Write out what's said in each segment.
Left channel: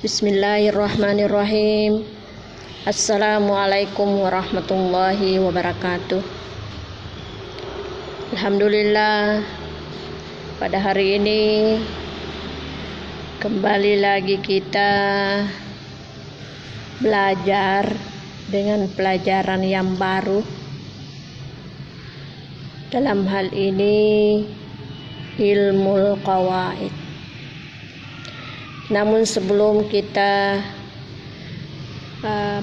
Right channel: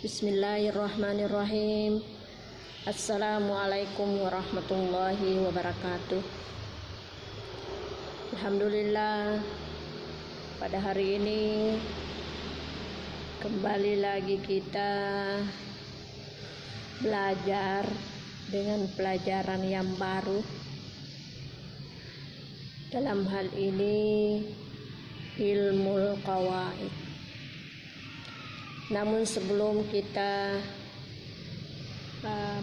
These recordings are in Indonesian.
Bismillahirrahmanirrahim. Assalamualaikum warahmatullahi wabarakatuh. Alhamdulillah, pada hari ini kembali lagi kita belajar dengan pelajaran yang baru. Dalam hal ini ilmul qawaid. Namun sebelum kita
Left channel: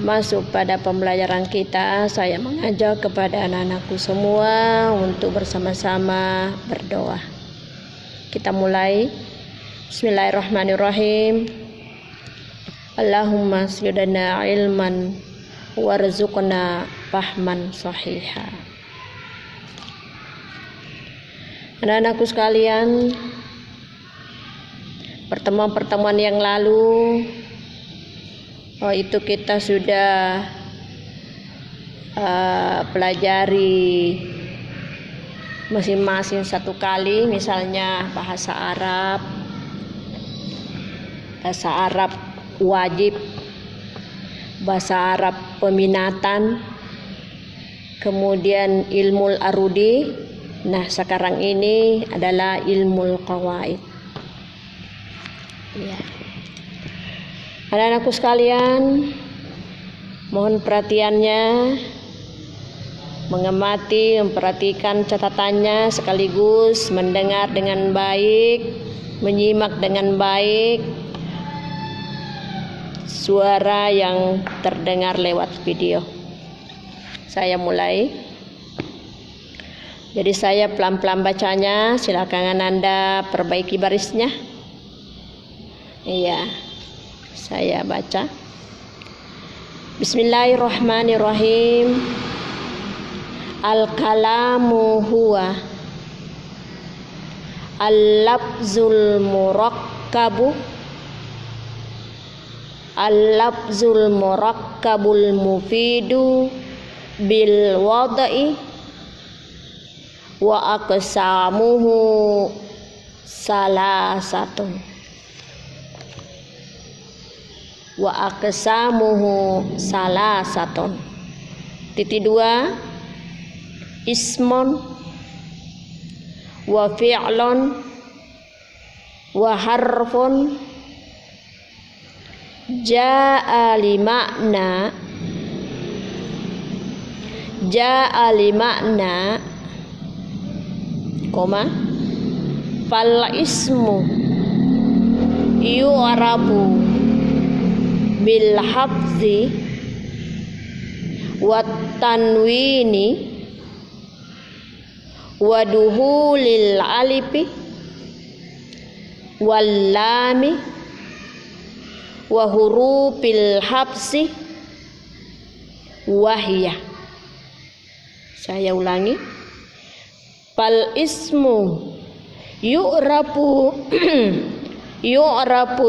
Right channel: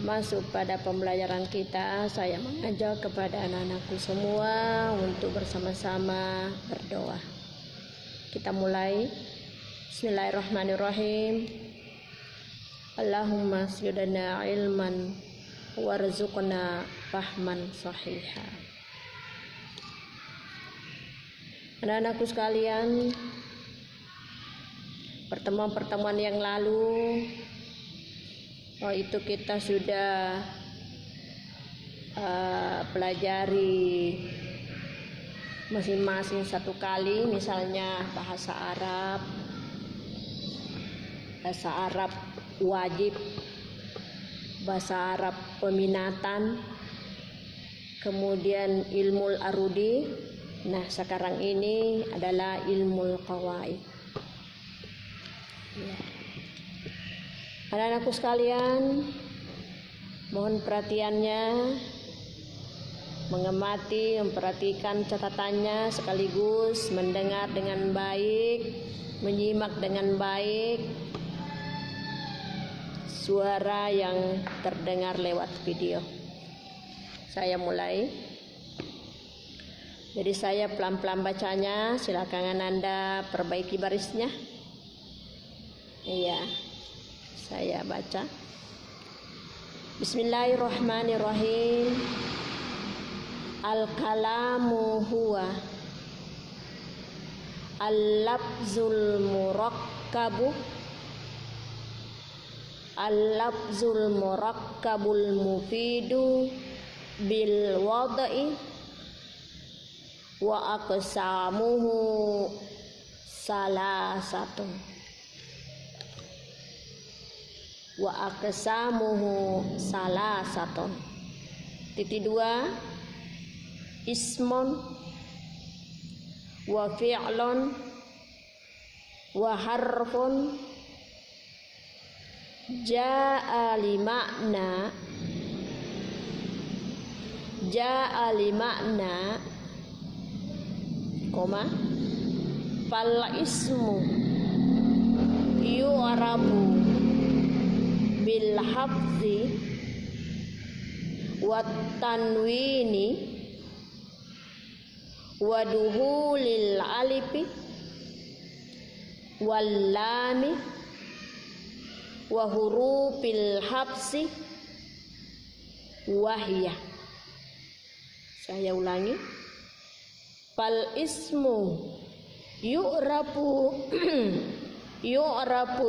masuk pada pembelajaran kita, saya mengajak kepada anak-anakku semua untuk bersama-sama berdoa. Kita mulai. Bismillahirrahmanirrahim. Allahumma zidna ilman warzuqna fahman sahiha. Anak-anakku sekalian, pertemuan-pertemuan yang lalu itu kita sudah pelajari masing-masing satu kali, misalnya bahasa Arab wajib, bahasa Arab peminatan, kemudian ilmul arudi. Nah, sekarang ini adalah ilmul qawaid. Ya. Anak-anakku sekalian, mohon perhatiannya, mengamati, memperhatikan catatannya, sekaligus mendengar dengan baik, menyimak dengan baik suara yang terdengar lewat video. Saya mulai. Jadi saya pelan-pelan bacanya, silakan Anda perbaiki barisnya. Iya, saya baca. Bismillahirrahmanirrahim. Al-kalamu huwa al-lafzul murakkabu al-lafzul murakkabul mufidu bil wada'i wa aqsamuhu salasatun. Wa aqsamuhu salasatun. Titik 2, ismun wa fi'lun wa harfun ja'a li makna koma fal ismu yu'rabu bil hafzi wat tanwini wa duhulil alifi wal lami wa hurufil habsi wahya. Saya ulangi. Fal ismu yu'rabu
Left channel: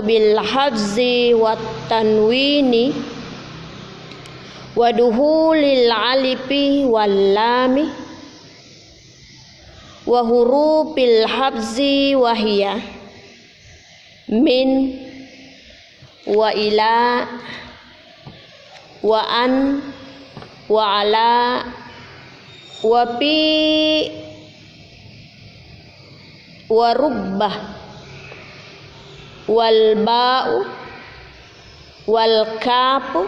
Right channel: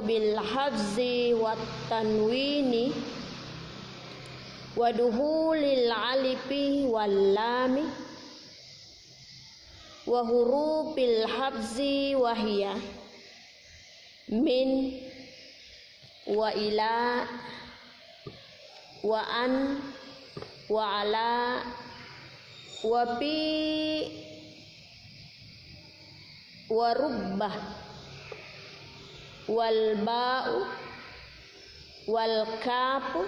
bil hafzi wat tanwini wa duhulil alifi wal lami wa hurufil hafzi wahya min wa ila wa an wa ala wa bi wa rubbah wal ba'u wal kafu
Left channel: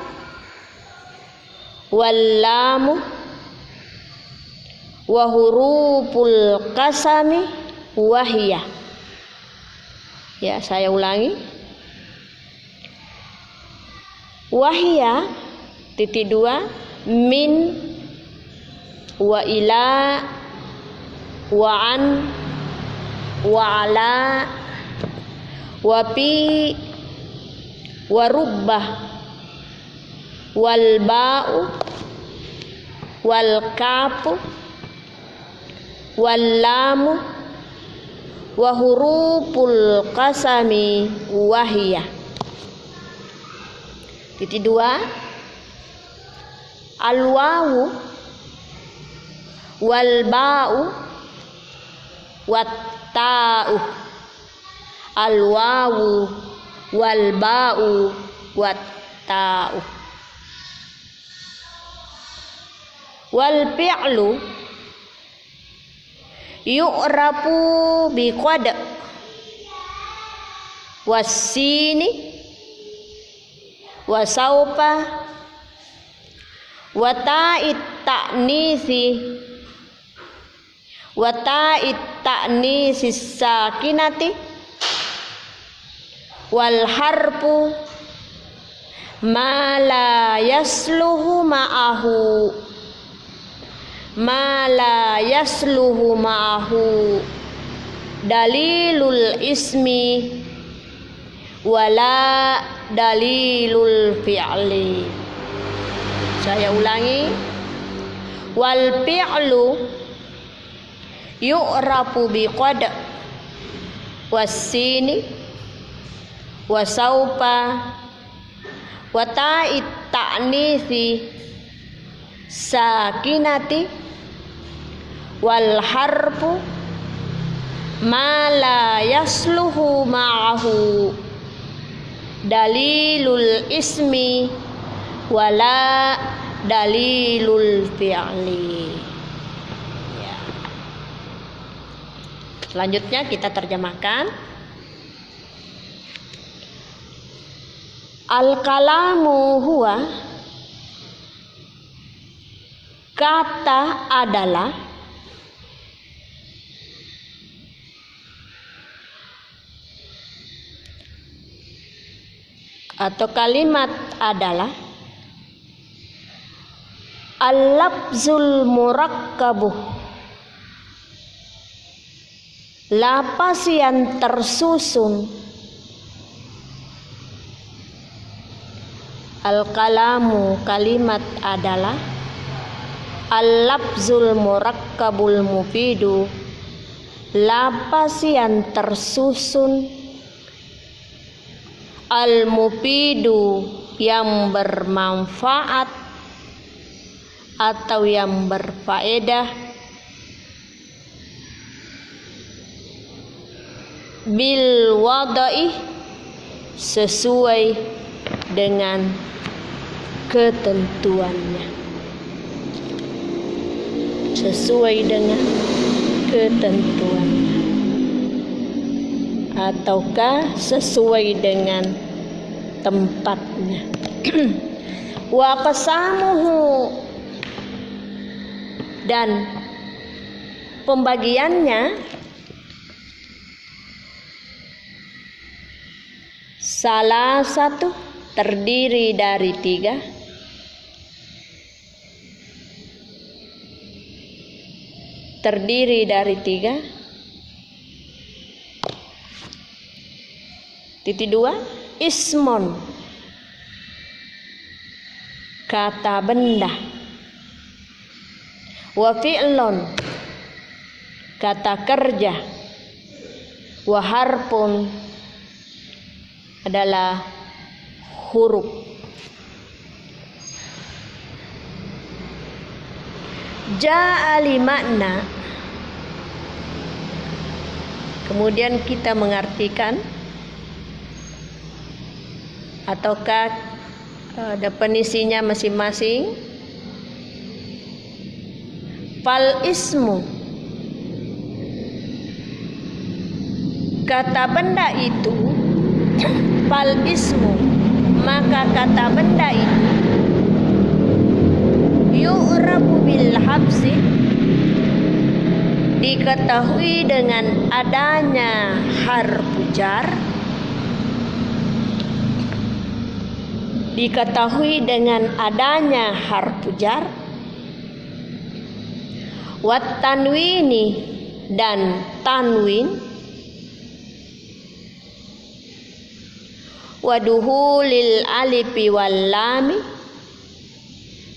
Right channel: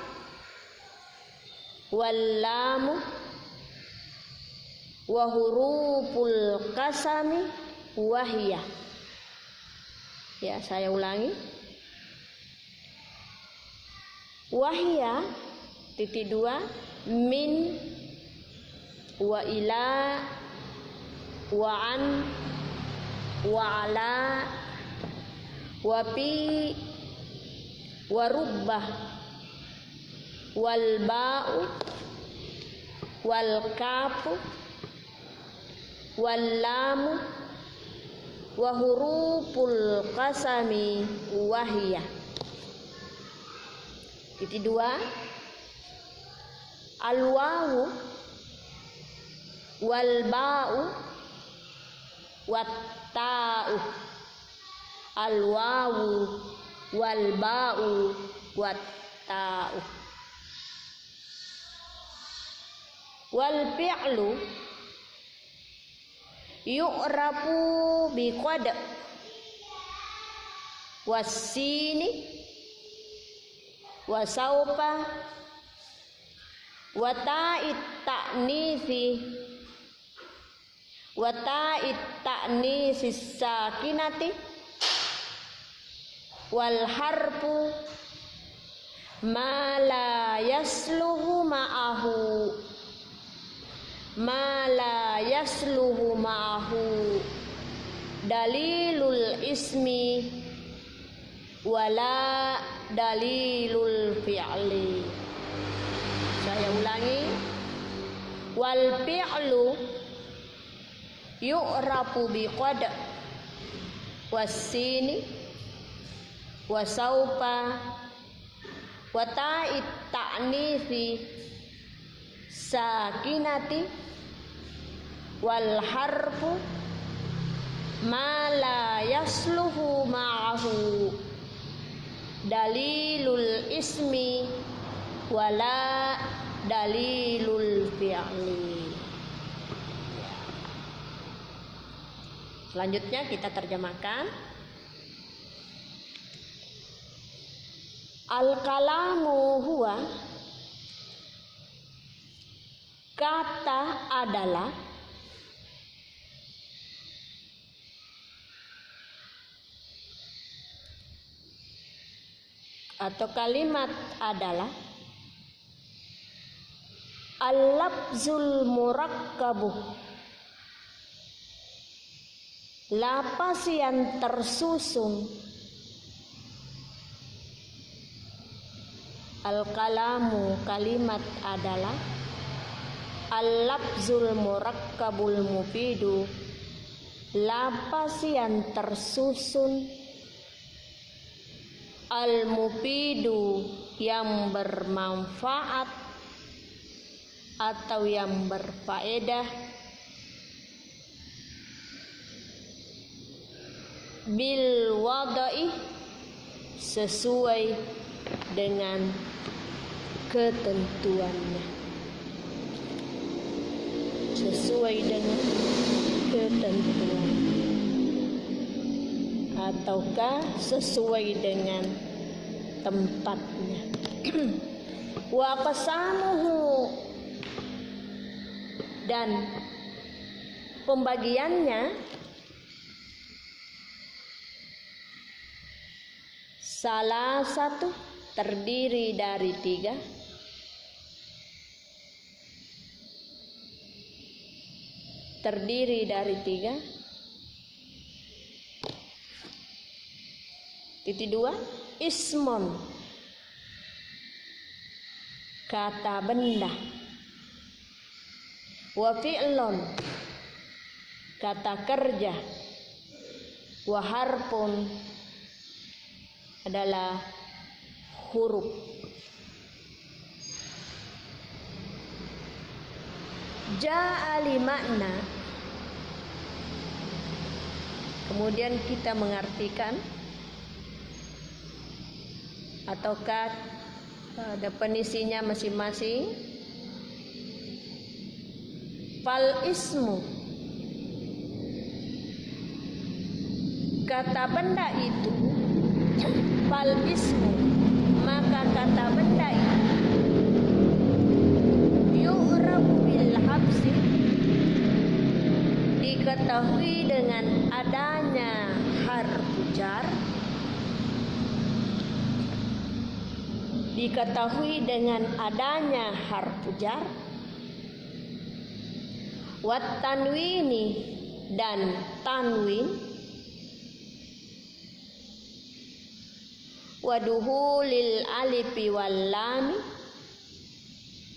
wal lamu wa huruful qasami wahya. Ya, saya ulangi. Wahya titik 2 min wa ila wa an wa ala wa bi wa rubbah wal ba'u wal kafu wal lamu wa huruful qasami wahya. Titik 2, al wawu wal ba'u wat ta'u. Al wawu wal ba'u wat ta'u. Wal fi'lu yu'rafu bi qad wasini wa saufa wa ta'it ta'nisi sakinati wal harfu ma la yasluhu ma'ahu dalilul ismi wala dalilul fi'li. Saya ulangi. Wal fi'lu yu'rafu bi qad wasini wa saufa wa ta'it ta'nisi sakinati wal harfu ma la yasluhu ma'ahu dalilul ismi wala dalilul fi'li. Ya. Selanjutnya kita terjemahkan. Al-kalamu huwa, kata adalah, atau kalimat adalah al-lafzul murakkabuh, lapas yang tersusun. Al-kalamu, kalimat adalah, al-lafzul murakkabul mufidu, lapas yang tersusun, al-mufidu, yang bermanfaat atau yang berfaedah, bil wadai, sesuai dengan ketentuannya, sesuai dengan ketentuannya, ataukah sesuai dengan tempatnya. Wa qasamuhu, dan pembagiannya, salah satu, terdiri dari 3, terdiri dari 3. Titik 2, ismon, kata benda, wa fi'lon, kata kerja, wa harpun, adalah huruf. Ja'ali makna, kemudian kita mengartikan ataukah definisinya masing-masing. Fal ismu, kata benda itu, fal ismu, maka kata benda itu, yu'rafu bil habsi, diketahui dengan adanya harfu jar, diketahui dengan adanya harfu jar, wat tanwini, dan tanwin, waduhulil alifi wal lami,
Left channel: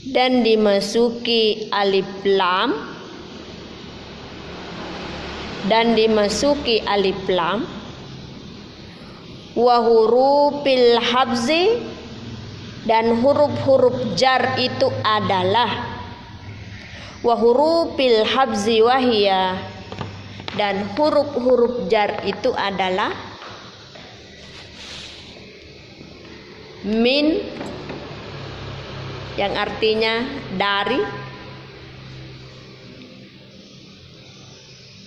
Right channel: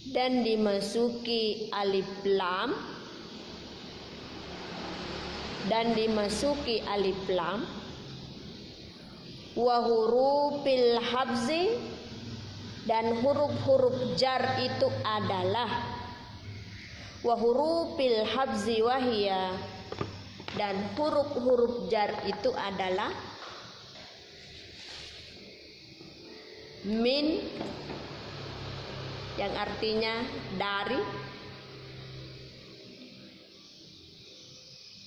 dan dimasuki alif lam, dan dimasuki alif lam, wa hurufil habzi, dan huruf-huruf jar itu adalah, wa hurufil habzi wahia, dan huruf-huruf jar itu adalah min yang artinya dari,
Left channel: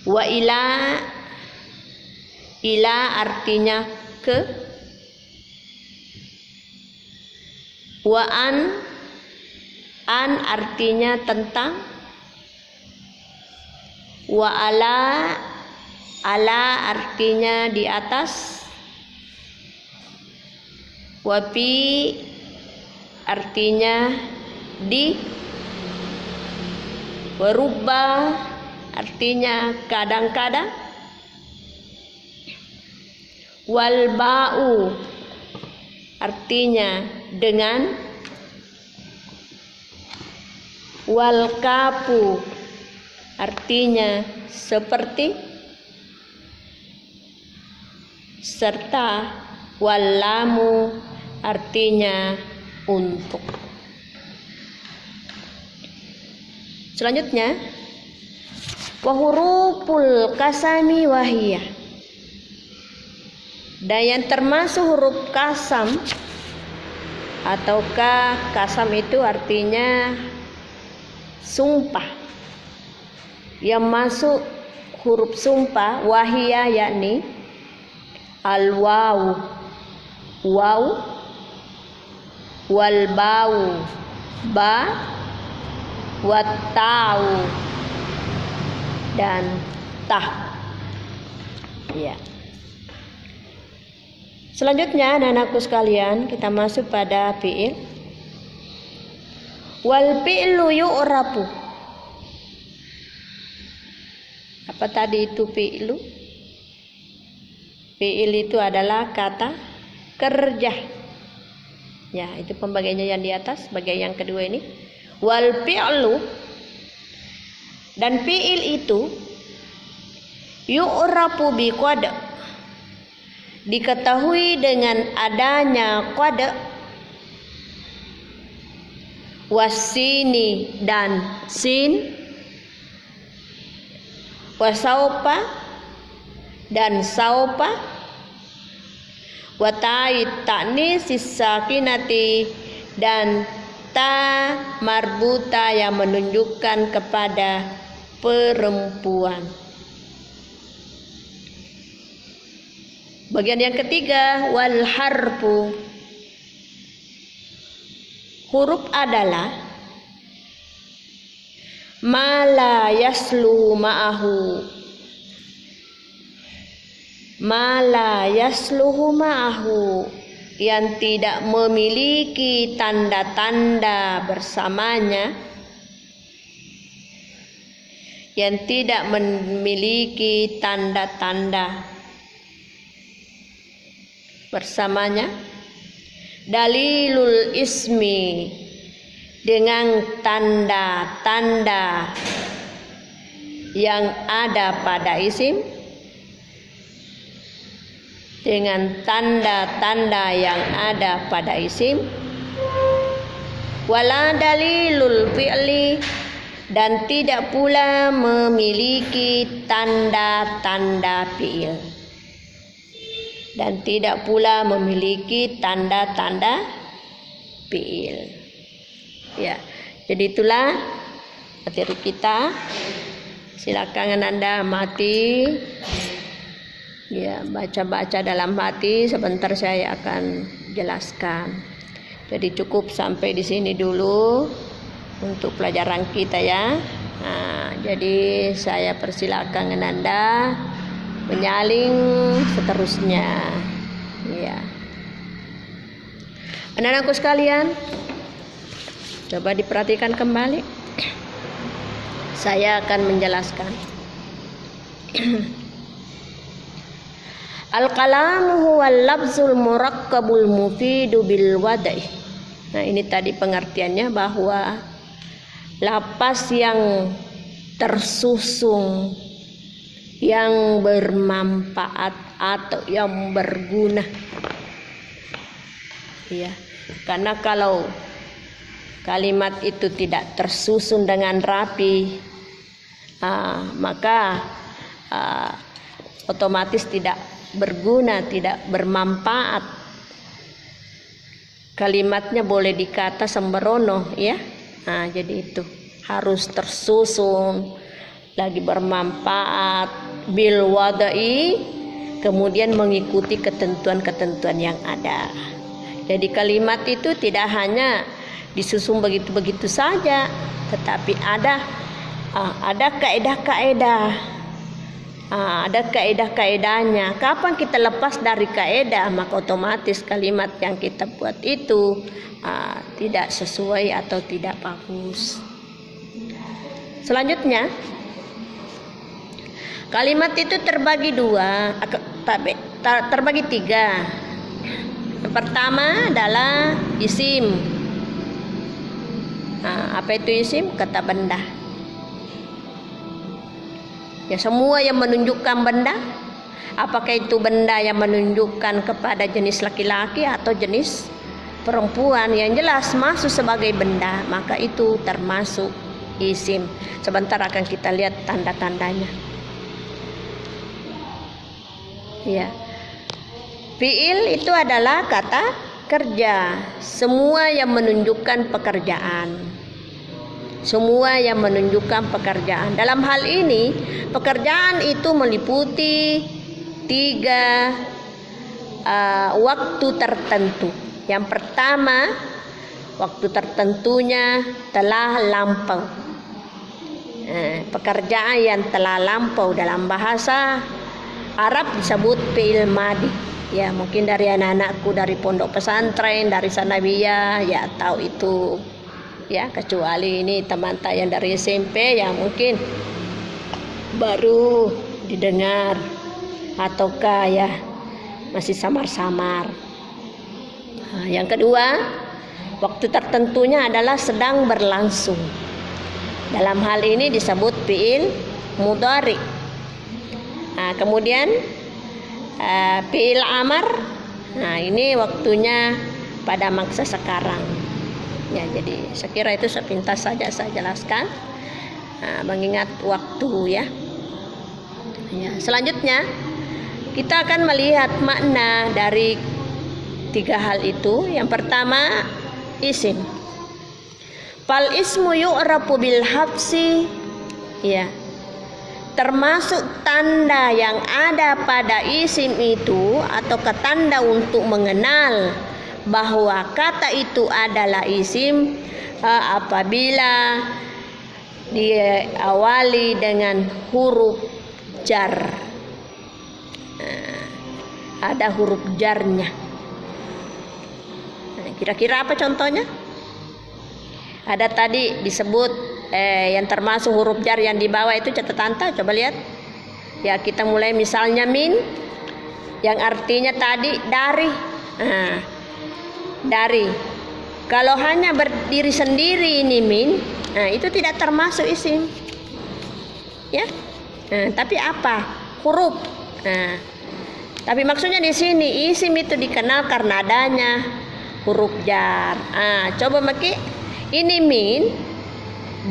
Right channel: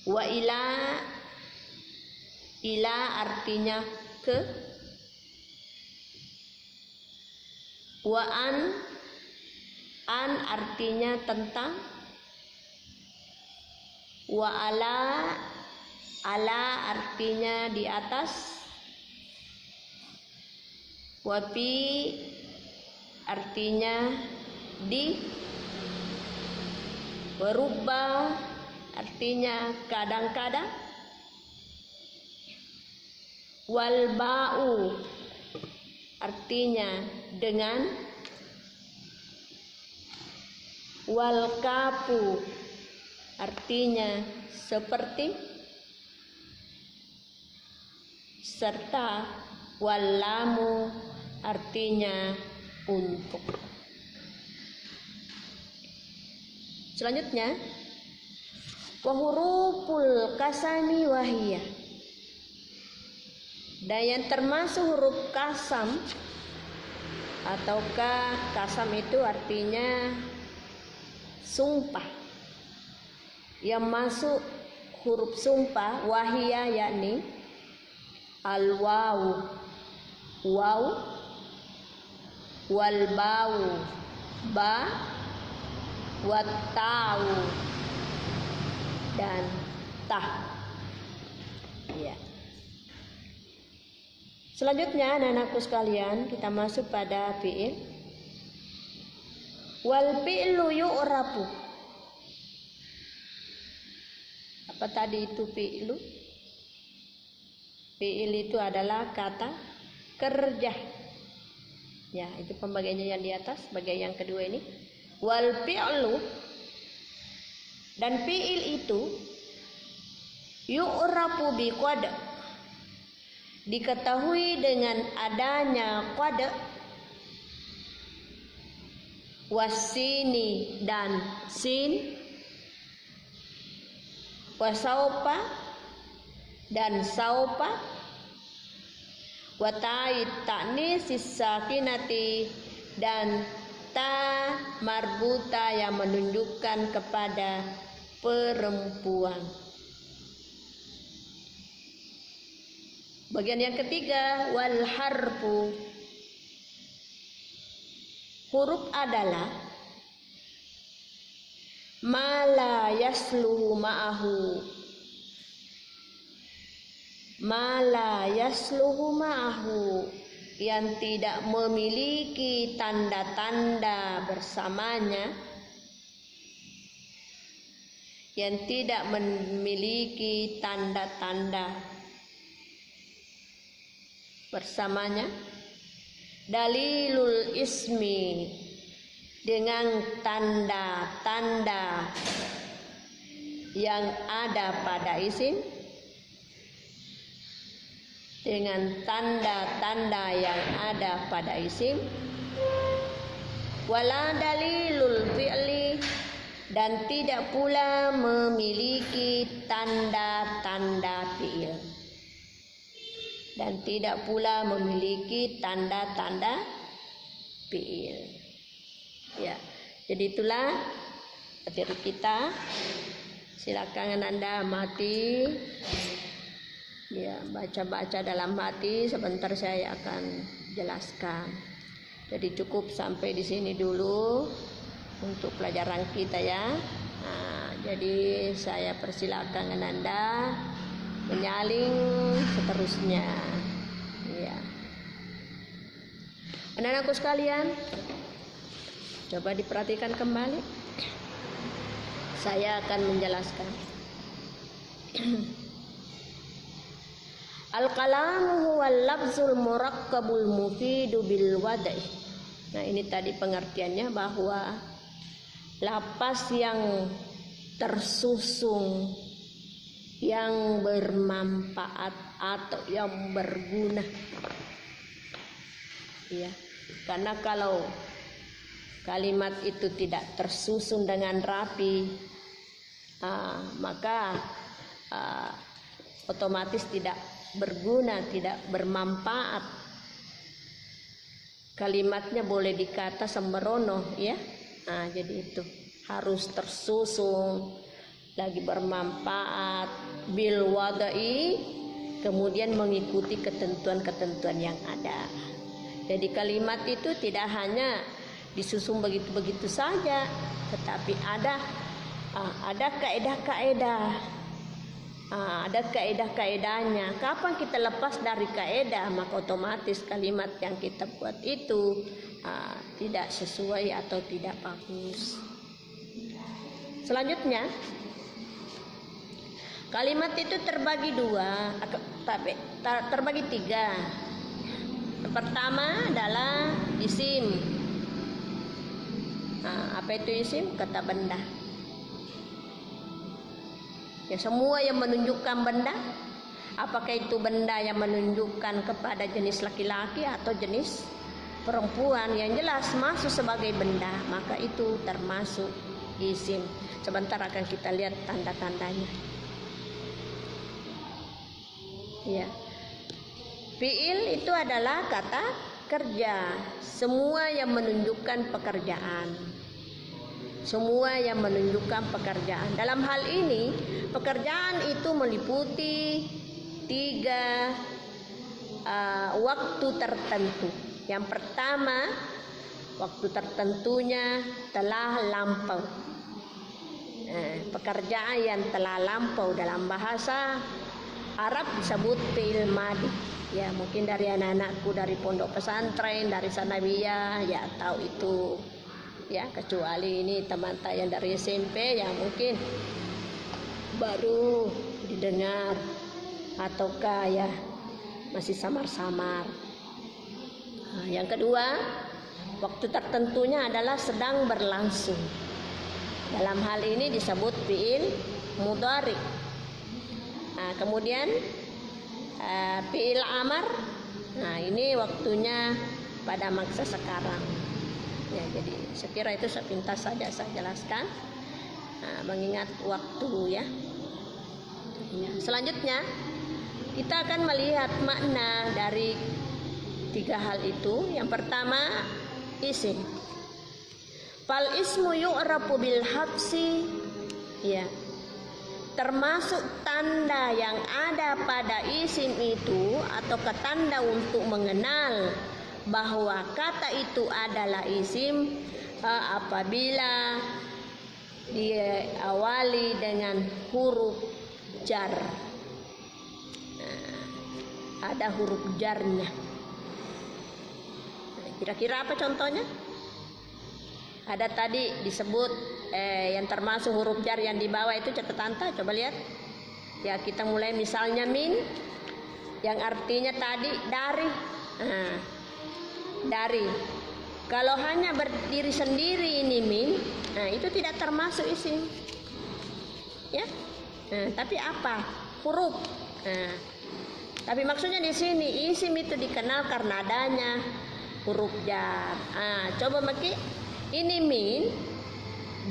wa ila artinya ke, wa an artinya tentang, wa ala artinya di atas, wa fi artinya di, wa rubba artinya kadang-kadang, wal ba'u artinya dengan, wal kafu artinya seperti, serta wal lamu artinya untuk. Selanjutnya, wa huruful kasami wahiyah, dan yang termasuk huruf kasam, ataukah kasam itu artinya sumpah, yang masuk huruf sumpah wahiyah yakni al waw, wal bau, ba, wat tau, dan tah. Ya. Selanjutnya anak-anakku sekalian, kita masuk pada fi'il. Wal fi'lu yu'rafu. Apa tadi itu fi'lu? Fi'il itu adalah kata kerja. Ya, itu pembagiannya yang di atas, bagian yang kedua ini. Wal fi'lu, dan fi'il itu yu'rafu bi qad, diketahui dengan adanya qad, wasini dan sin, wasaupa dan saupa, watai ta'nis sakinati dan ta marbuta yang menunjukkan kepada perempuan. Bagian yang ketiga, wal harfu, huruf adalah ma la yasluhu ma'ahu, ma la yasluhu ma'ahu, yang tidak memiliki tanda-tanda bersamanya, yang tidak memiliki tanda-tanda bersamanya. Dalilul ismi, dengan tanda-tanda yang ada pada isim, dengan tanda-tanda yang ada pada isim. Wala dalilul fi'li, dan tidak pula memiliki tanda-tanda fi'il, dan tidak pula memiliki tanda-tanda fi'il. Ya, jadi itulah materi kita. Silakan Anda amati, ya, baca-baca dalam hati. Sebentar saya akan jelaskan. Jadi cukup sampai di sini dulu untuk pelajaran kita ya. Nah, jadi saya persilakan Anda menyaling seterusnya. Ya. Anak-anakku sekalian, coba diperhatikan kembali. Saya akan menjelaskan. Al-kalamu huwal lafzul murakkabul mufidu bil wadai. Nah, ini tadi pengertiannya, bahwa lapas yang tersusun, yang bermanfaat atau yang berguna. Ya, karena kalau kalimat itu tidak tersusun dengan rapi, maka otomatis tidak berguna, tidak bermanfaat. kalimatnya boleh dikata sembrono ya. Nah, jadi itu harus tersusun, lagi bermanfaat, bil wadai, kemudian mengikuti ketentuan-ketentuan yang ada. Jadi kalimat itu tidak hanya disusun begitu-begitu saja, tetapi ada kaedah-kaedah. Ada kaedah-kaedahnya. Kapan kita lepas dari kaedah, maka otomatis kalimat yang kita buat itu tidak sesuai atau tidak bagus. Selanjutnya, kalimat itu terbagi tiga. Yang pertama adalah isim. Apa itu isim? Kata benda. Ya, semua yang menunjukkan benda, apakah itu benda yang menunjukkan kepada jenis laki-laki atau jenis perempuan, yang jelas masuk sebagai benda, maka itu termasuk isim. Sebentar akan kita lihat tanda-tandanya. Ya. Fi'il itu adalah kata kerja, semua yang menunjukkan pekerjaan. Semua yang menunjukkan pekerjaan. Dalam hal ini, pekerjaan itu meliputi 3 waktu tertentu. Yang pertama, waktu tertentunya telah lampau. Pekerjaan yang telah lampau dalam bahasa Arab disebut fi'il madi. Ya, mungkin dari anak-anakku dari pondok pesantren, dari sanawiyah, ya tahu itu. Ya, kecuali ini teman yang dari SMP yang mungkin baru didengar ataukah ya masih samar-samar. Yang kedua, waktu tertentunya adalah sedang berlangsung. Dalam hal ini disebut fi'il mudhari. Kemudian fi'il amar. Ini waktunya pada masa sekarang. Ya, jadi saya kira itu sepintas saja saya jelaskan, mengingat waktu ya. Selanjutnya kita akan melihat makna dari 3 hal itu. Yang pertama, isim. Fal ismu yu'rafu bil habsi, ya, termasuk tanda yang ada pada isim itu atau tanda untuk mengenal bahwa kata itu adalah isim apabila diawali dengan huruf jar. Ada huruf jarnya. Kira-kira apa contohnya? Ada tadi disebut yang termasuk huruf jar yang di bawah itu catatan tak? Coba lihat. Ya, kita mulai misalnya min, yang artinya tadi dari. Dari. Kalau hanya berdiri sendiri ini min, itu tidak termasuk isim. Ya. Tapi apa? Huruf. Tapi maksudnya di sini isim itu dikenal karena adanya huruf jar. Coba Maki, ini min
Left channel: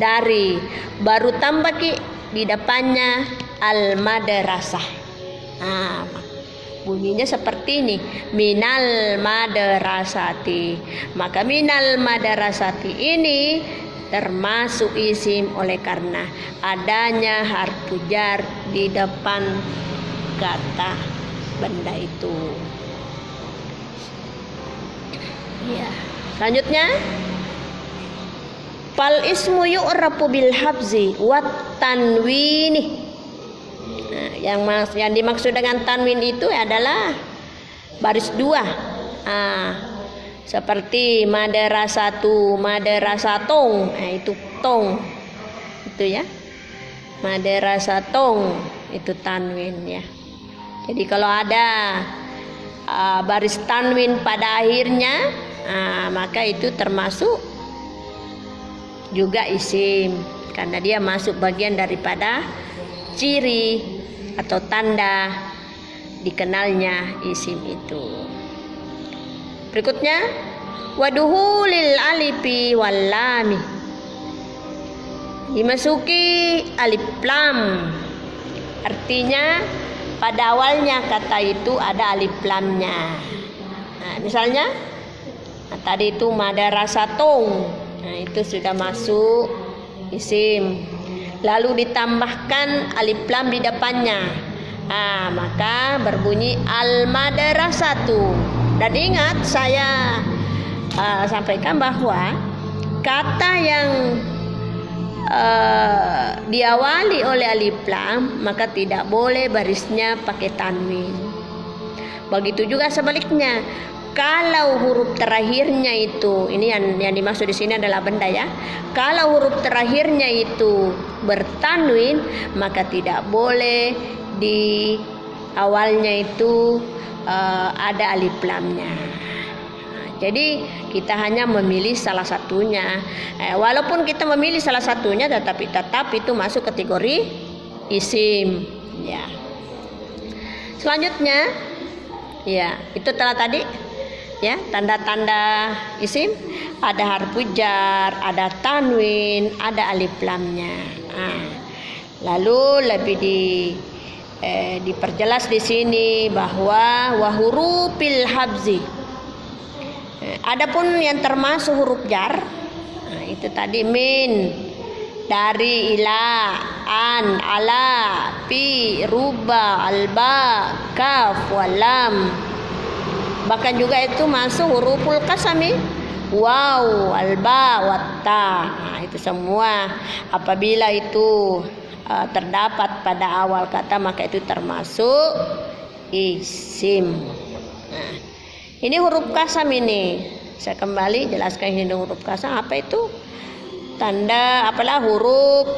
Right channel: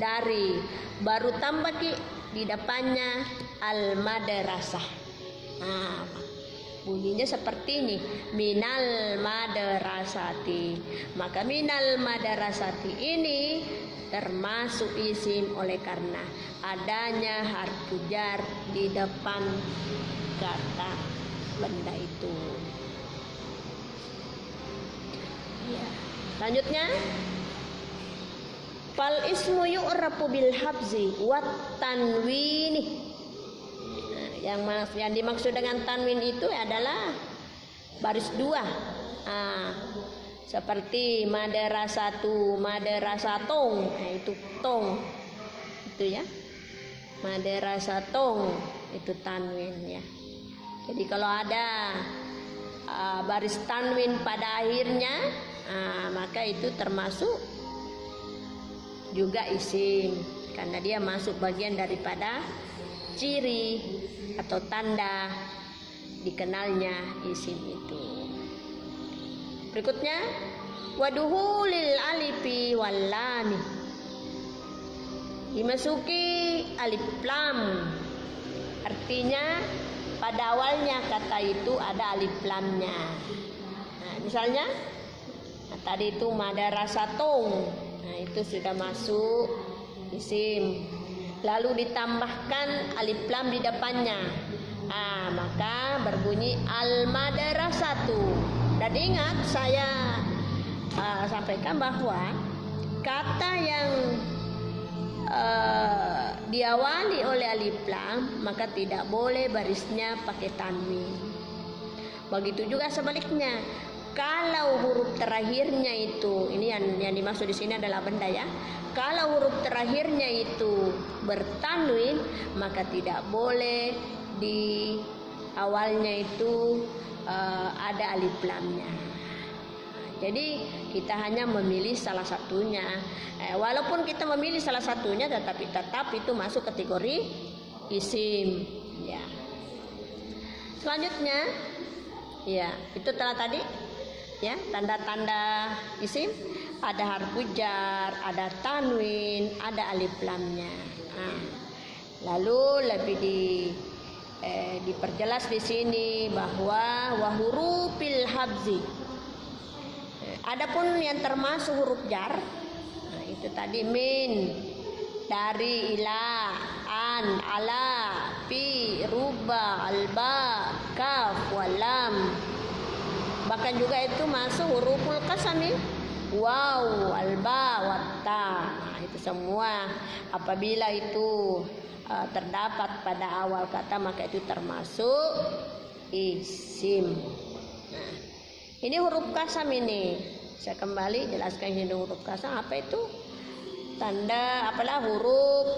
dari, baru tambah Ki di depannya al madrasah. Bunyinya seperti ini, minal madrasati. Maka minal madrasati ini termasuk isim oleh karena adanya harfu jar di depan kata benda itu. Ya. Selanjutnya, fal ismu yu'rafu bil habzi wat tanwini. Yang dimaksud dengan tanwin itu adalah baris 2. Seperti madrasatu, madrasatong, itu tong. Itu ya. Madrasatong itu tanwin ya. Jadi kalau ada baris tanwin pada akhirnya, maka itu termasuk juga isim karena dia masuk bagian daripada ciri atau tanda dikenalnya isim itu. Berikutnya, waduhulil alifi wal lami, dimasuki alif lam. Artinya pada awalnya kata itu ada alif lamnya. Misalnya tadi itu madarasatun. Nah, itu sudah masuk isim. Lalu ditambahkan alif lam di depannya. Maka berbunyi al-madrasatu. Dan ingat saya sampaikan bahwa kata yang diawali oleh alif lam maka tidak boleh barisnya pakai tanwin. Begitu juga sebaliknya. Kalau huruf terakhirnya itu, ini yang dimaksud di sini adalah benda ya. Kalau huruf terakhirnya itu bertanwin, maka tidak boleh di awalnya itu ada alif lamnya. Jadi kita hanya memilih salah satunya. Walaupun kita memilih salah satunya, tetapi tetap itu masuk kategori isim. Ya. Selanjutnya, ya itu telah tadi. Ya, tanda-tanda isim ada harfu jar, ada tanwin, ada alif lamnya. Lalu lebih diperjelas di sini bahwa wahurufil habzi. Adapun yang termasuk huruf jar, itu tadi min, dari, ila, an, ala, fi, ruba, alba, kaf, walam. Bahkan juga itu masuk huruful kasami, waw, alba, watta. Itu semua apabila itu terdapat pada awal kata maka itu termasuk isim. Ini huruf kasam ini. Saya kembali jelaskan ini huruf kasam apa itu? Tanda apalah huruf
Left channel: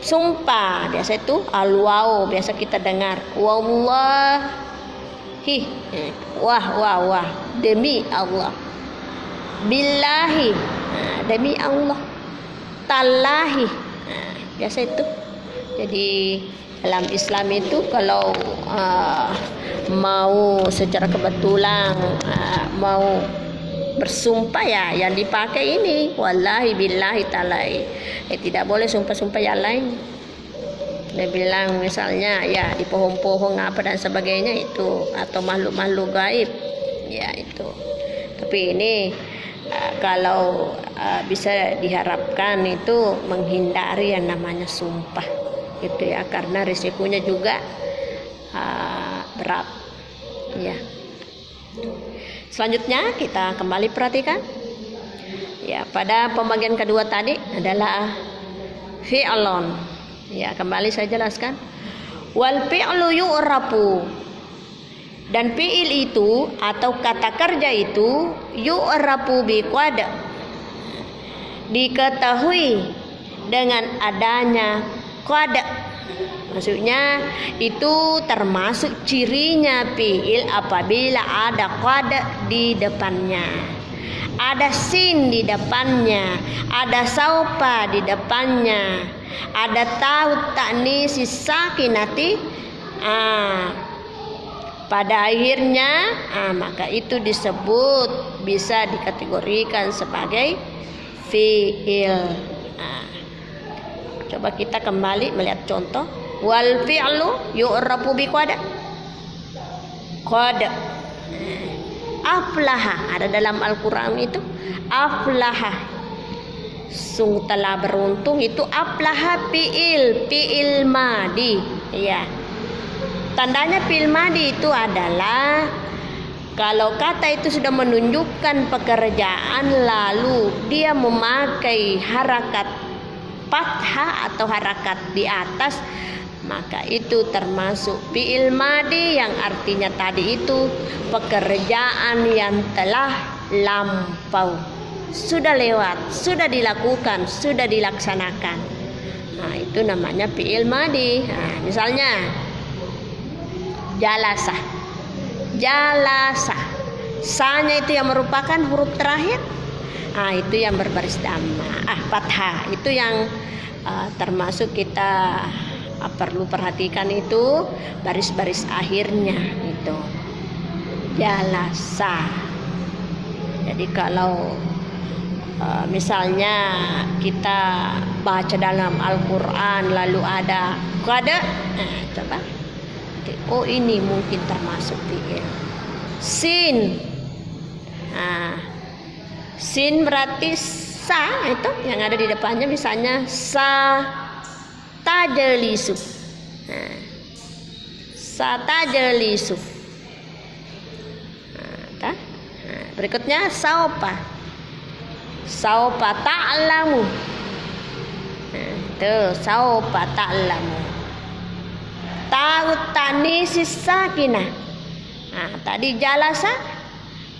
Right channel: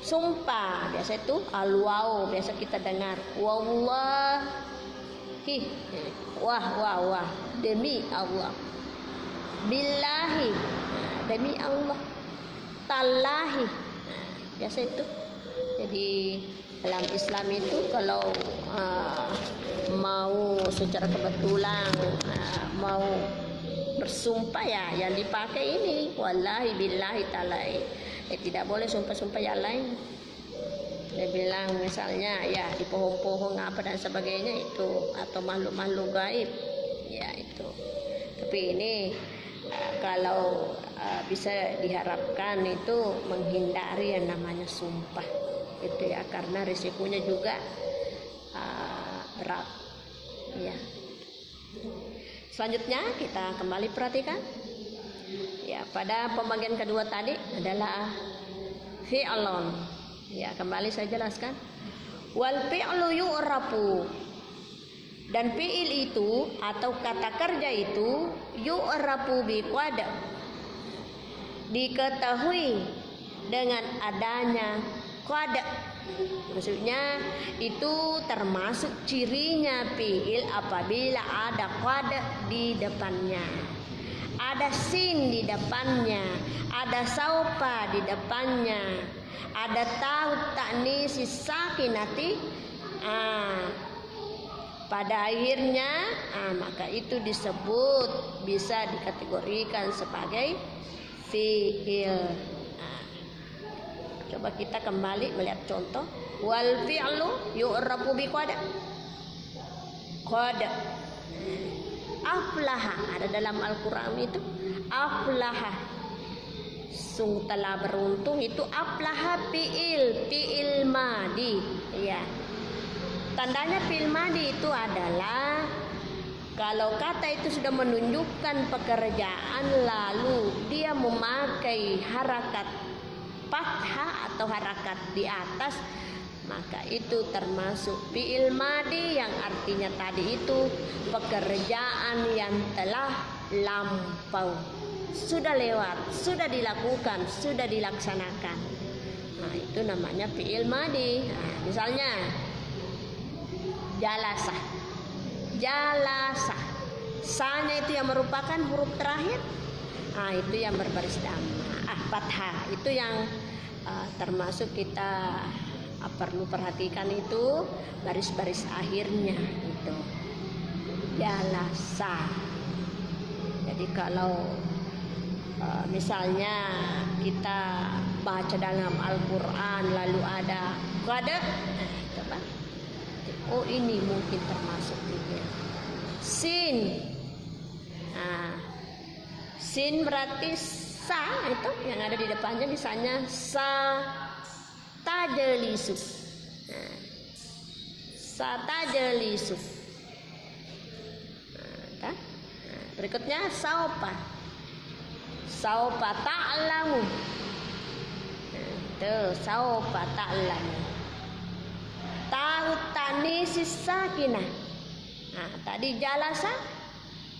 sumpah. Biasa itu al-waw, biasa kita dengar. Wallahi. Wah, demi Allah. Billahi, demi Allah. Tallahi, biasa itu. Jadi dalam Islam itu kalau mau secara kebetulan mau bersumpah ya yang dipakai ini wallahi billahi tallahi. Tidak boleh sumpah-sumpah yang lain. Dia bilang misalnya ya di pohon-pohon apa dan sebagainya itu, atau makhluk-makhluk gaib ya itu. Tapi ini kalau bisa diharapkan itu menghindari yang namanya sumpah gitu ya, karena risikonya juga berat ya. Selanjutnya kita kembali perhatikan ya, pada pembagian kedua tadi adalah fi'lun. Ya, kembali saya jelaskan. Wal fi'lu yu'rafu. Dan fi'il itu atau kata kerja itu yu'rafu bi qad. Diketahui dengan adanya qad. Maksudnya itu termasuk cirinya fi'il apabila ada qad di depannya. Ada sin di depannya, ada saupa di depannya, ada tahu ta'nis sakinati pada akhirnya, maka itu disebut bisa dikategorikan sebagai fi'il. Coba kita kembali melihat contoh. Wal fi'lu yu'rafu bi qad. Qad. Aflaha, ada dalam Al-Quran itu aflaha, sungguh telah beruntung. Itu aflaha fi'il madi ya. Tandanya fi'il madi itu adalah kalau kata itu sudah menunjukkan pekerjaan lalu dia memakai harakat fathah atau harakat di atas, maka itu termasuk fi'il madi yang artinya tadi itu pekerjaan yang telah lampau, sudah lewat, sudah dilakukan, sudah dilaksanakan. Itu namanya fi'il madi. Misalnya jalasa. Jalasa. Sa-nya itu yang merupakan huruf terakhir. Itu yang berbaris dhamma. Fathah. Itu yang termasuk kita perlu perhatikan itu baris-baris akhirnya itu. Jalasa. Jadi kalau misalnya kita baca dalam Al-Quran lalu ada qad, coba. Oh, ini mungkin termasuk fi'il. Sin. Sin berarti sa, itu yang ada di depannya, misalnya sa tajelisu. Nah, sa tajelisu. Nah, berikutnya saupa. Saupa ta'lamu. Nah, itu saupa ta'lamu. Ta'u ta'nisis sakinah. Nah, tadi jalasa.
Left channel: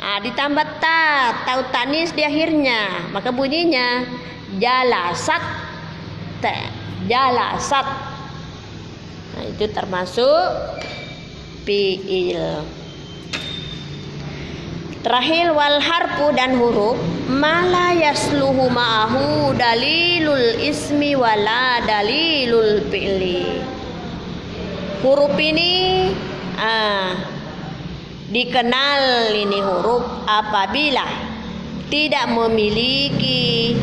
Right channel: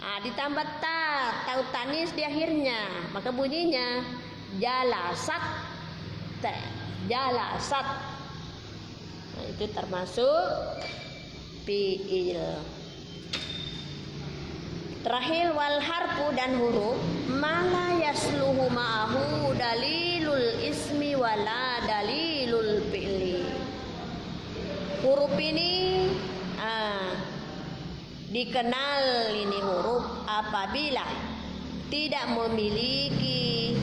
Nah, ditambah ta, ta'u ta'nis di akhirnya, maka bunyinya jalasat. Jalasat. Nah, itu termasuk fiil. Terakhir wal harfu dan huruf mala yasluhu ma'ahu dalilul ismi wala dalilul fi'li. Huruf ini dikenal ini huruf apabila tidak memiliki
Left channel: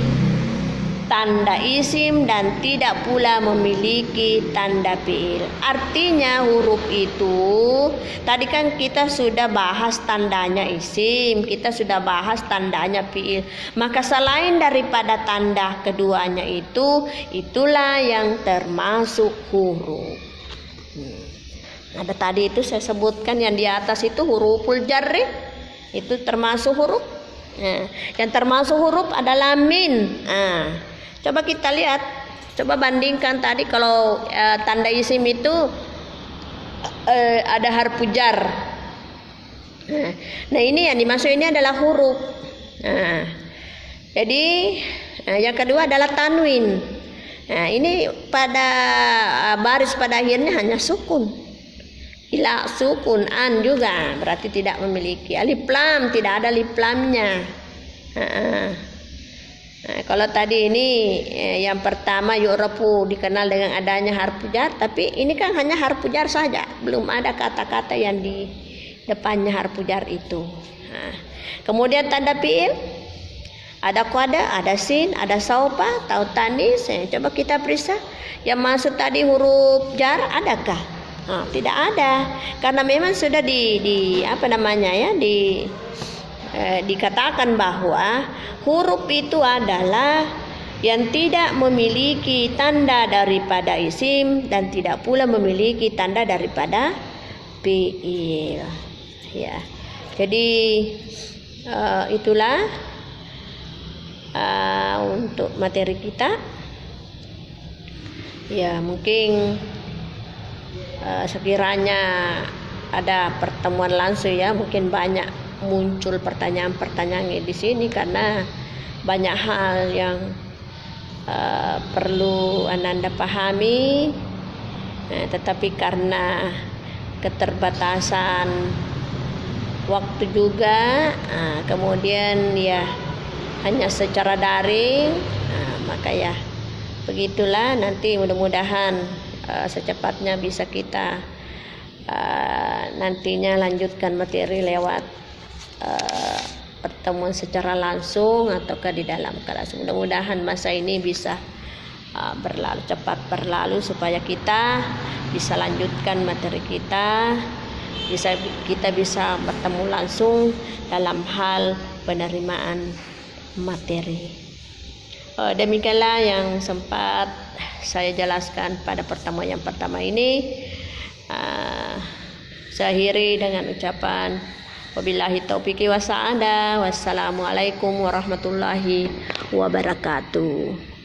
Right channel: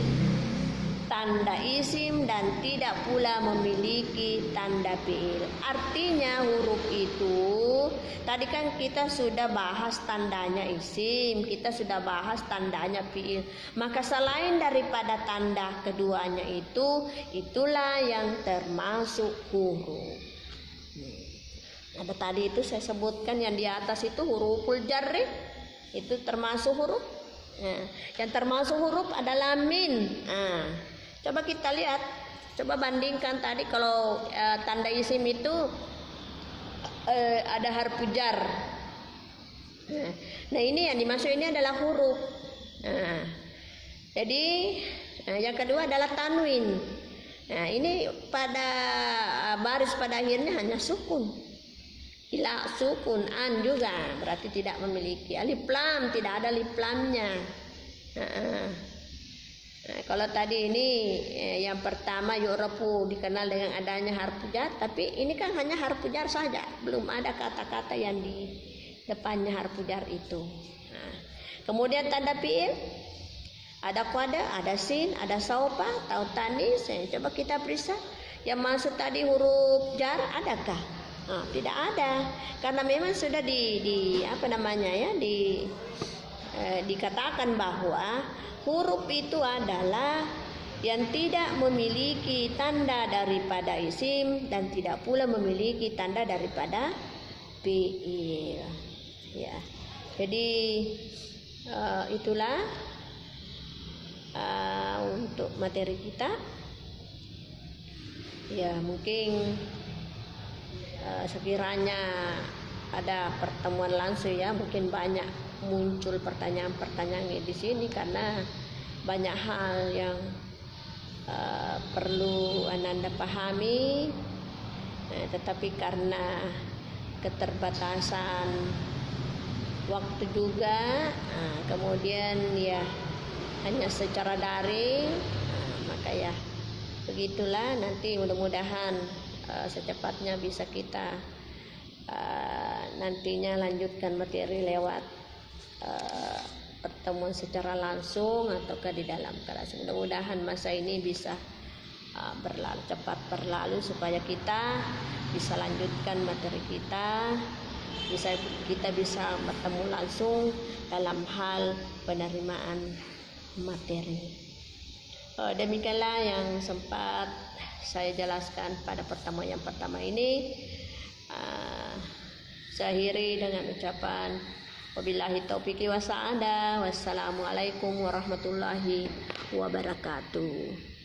tanda isim dan tidak pula memiliki tanda fiil. Artinya huruf itu tadi kan kita sudah bahas tandanya isim, kita sudah bahas tandanya fiil. Maka selain daripada tanda keduanya itu, itulah yang termasuk huruf. Ada tadi itu saya sebutkan yang di atas itu huruful jarri, itu termasuk huruf. Nah, yang termasuk huruf adalah min. Coba kita lihat, coba bandingkan tadi kalau tanda isim itu ada harfu jar. Nah, ini yang dimaksud ini adalah huruf. Jadi yang kedua adalah tanwin. Nah, ini pada baris pada akhirnya hanya sukun. Ila sukun an juga berarti tidak memiliki alif lam, tidak ada alif lamnya. Nah, kalau tadi ini yang pertama yu'rafu dikenal dengan adanya harfu jar, tapi ini kan hanya harfu jar saja, belum ada kata-kata yang di depannya harfu jar itu. Nah, kemudian tanda fiil ada qada, ada sin, ada saupa, ta'u ta'nis. Coba kita periksa yang masuk tadi huruf jar adakah? Tidak ada, karena memang sudah dikatakan bahwa huruf itu adalah yang tidak memiliki tanda daripada isim dan tidak pula memiliki tanda daripada fiil. Ya, jadi itulah untuk materi kita. Ya, mungkin sekiranya ada pertemuan langsung ya, mungkin banyak muncul pertanyaan-pertanyaan di sini karena banyak hal yang perlu Anda pahami, tetapi karena keterbatasan waktu juga, kemudian ya hanya secara daring, maka ya begitulah. Nanti mudah-mudahan secepatnya bisa kita nantinya lanjutkan materi lewat pertemuan secara langsung ataukah di dalam kelas. Mudah-mudahan masa ini bisa cepat berlalu supaya kita bisa lanjutkan materi kita, kita bisa bertemu langsung dalam hal penerimaan materi. Demikianlah yang sempat saya jelaskan pada pertemuan yang pertama ini. Saya akhiri dengan ucapan wabillahi taufiq wa sa'adah. Wassalamualaikum warahmatullahi wabarakatuh.